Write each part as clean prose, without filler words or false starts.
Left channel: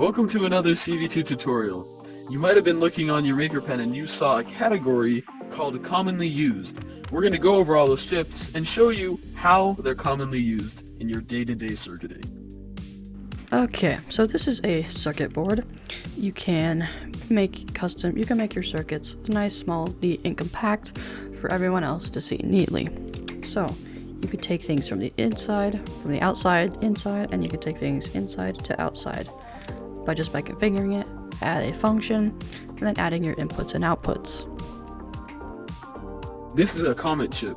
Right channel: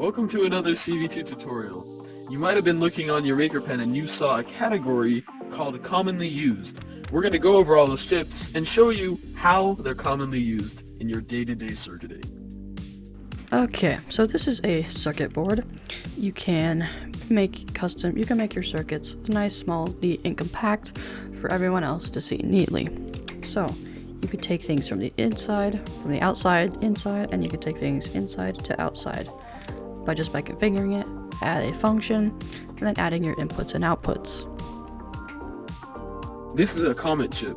Welcome to another CV2 tutorial. You might have been looking on your MakerPen and you saw a category called commonly used. We're going to go over all those chips and show you how they're commonly used in your day-to-day circuiting. Okay, so this is a circuit board. You can make your circuits nice, small, neat, and compact for everyone else to see neatly. So you could take things from the outside, inside, and you could take things inside to outside by configuring it, add a function, and then adding your inputs and outputs. This is a common chip.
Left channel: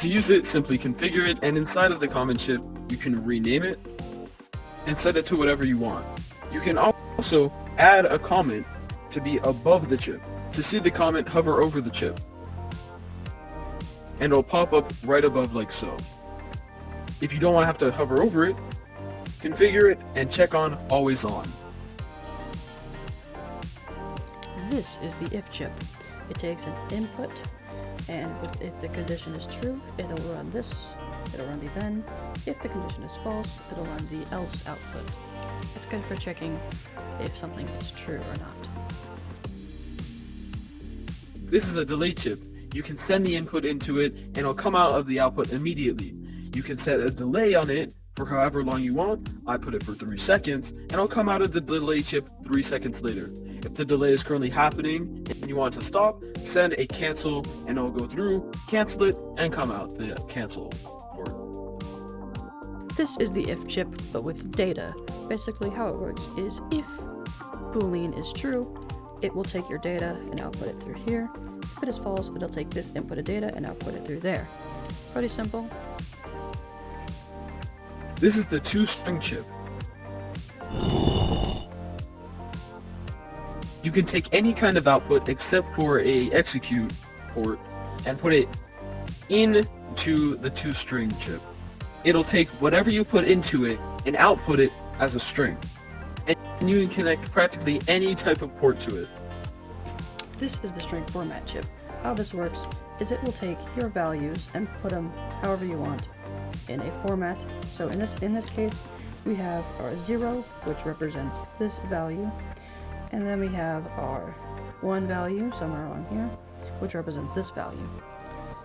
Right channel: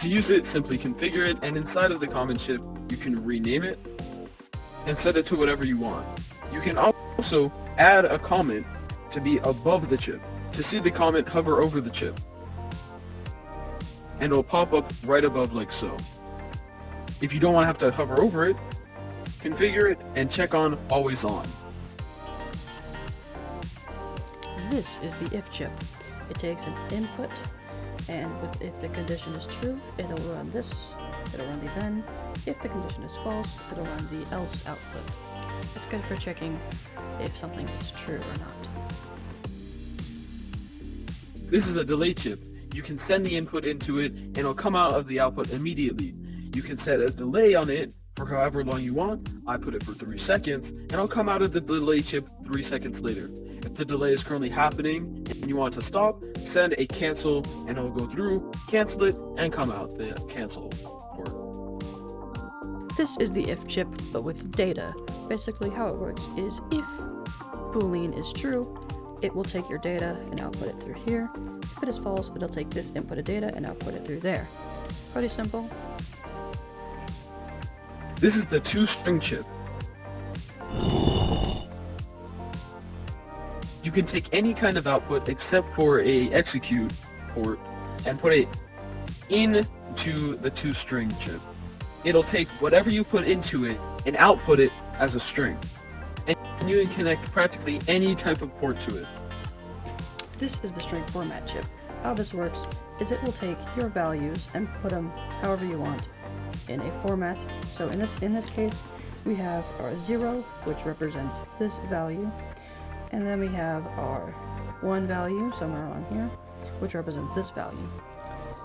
To use it, simply configure it, and inside of the common chip, you can rename it and set it to whatever you want. You can also add a comment to be above the chip. To see the comment, hover over the chip, and it'll pop up right above like so. If you don't want to have to hover over it, configure it and check on always on. This is the if chip. It takes an input, and if the condition is true, it'll run this, it'll run the then. If the condition is false, it'll run the else output. It's good for checking if something is true or not. This is a delay chip. You can send the input into it and it'll come out of the output immediately. You can set a delay on it for however long you want. I put it for 3 seconds and it'll come out of the delay chip 3 seconds later. If the delay is currently happening and you want to stop, send a cancel and it'll go through, cancel it, and come out the cancel port. This is the if chip, but with data. Basically how it works is if Boolean is true, it will take your data and output it through here. If it is false, it'll take this input of data and output it through there. Pretty simple. This is the 2-string chip. You can take any kind of output except for a execute port and put it into the 2-string chip. It'll take whatever you put into it and output it as a string. And you can connect practically any type of port to it. This is the string format chip. How this works is it will take your values and put them however you want in a format. So in this case, we have our 0, which represents this value, and then we have our 1 value somewhere on here, which represents this value.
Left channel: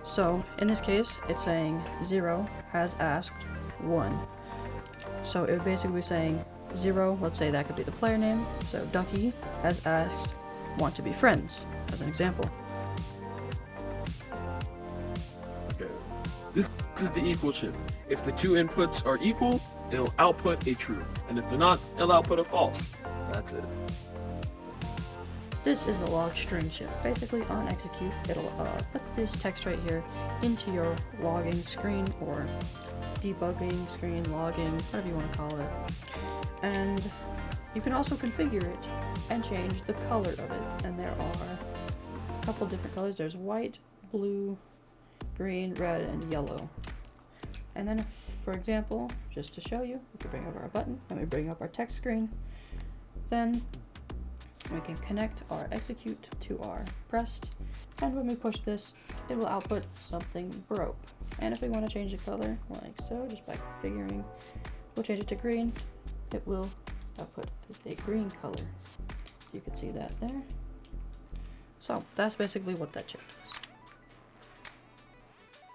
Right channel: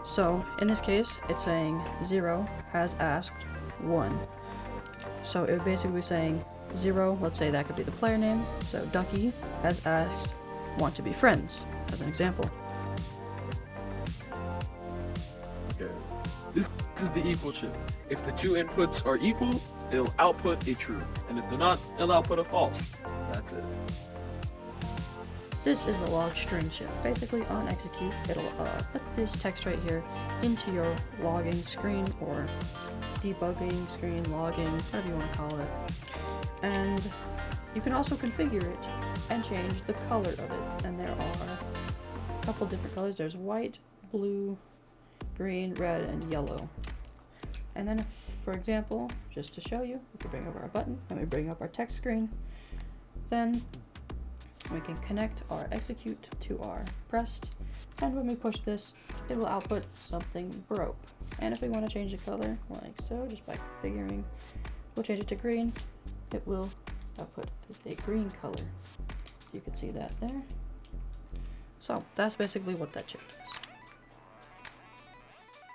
So in this case, it's saying 0 has asked 1. So it would basically be saying 0, let's say that could be the player name, so Ducky has asked want to be friends, as an example. Okay. This is the equal chip. If the 2 inputs are equal, it'll output a true, and if they're not, it'll output a false. That's it. This is the log string chip. Basically on execute, it'll put this text right here into your logging screen or debugging screen, logging, whatever you want to call it. And you can also configure it and change the color of it. And there are a couple different colors. There's white, blue, green, red, and yellow. And then for example, just to show you, if we bring up our button and we bring up our text screen, then we can connect our execute to our pressed, and when we push this, it will output something broke. And if we want to change the color, like so, just by configuring, we'll change it to green. It will output a green color. You can see that there. So that's basically what that chip does.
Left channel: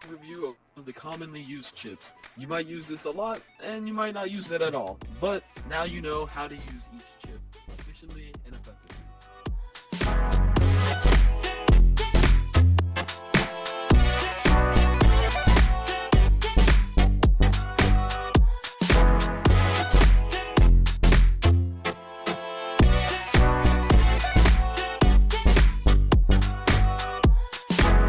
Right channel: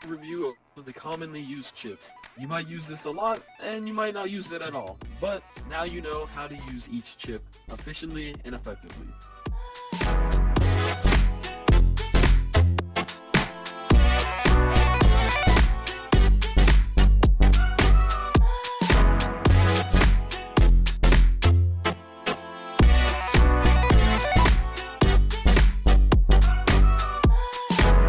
Review of the commonly used chips. You might use this a lot, and you might not use it at all, but now you know how to use each chip efficiently and effectively.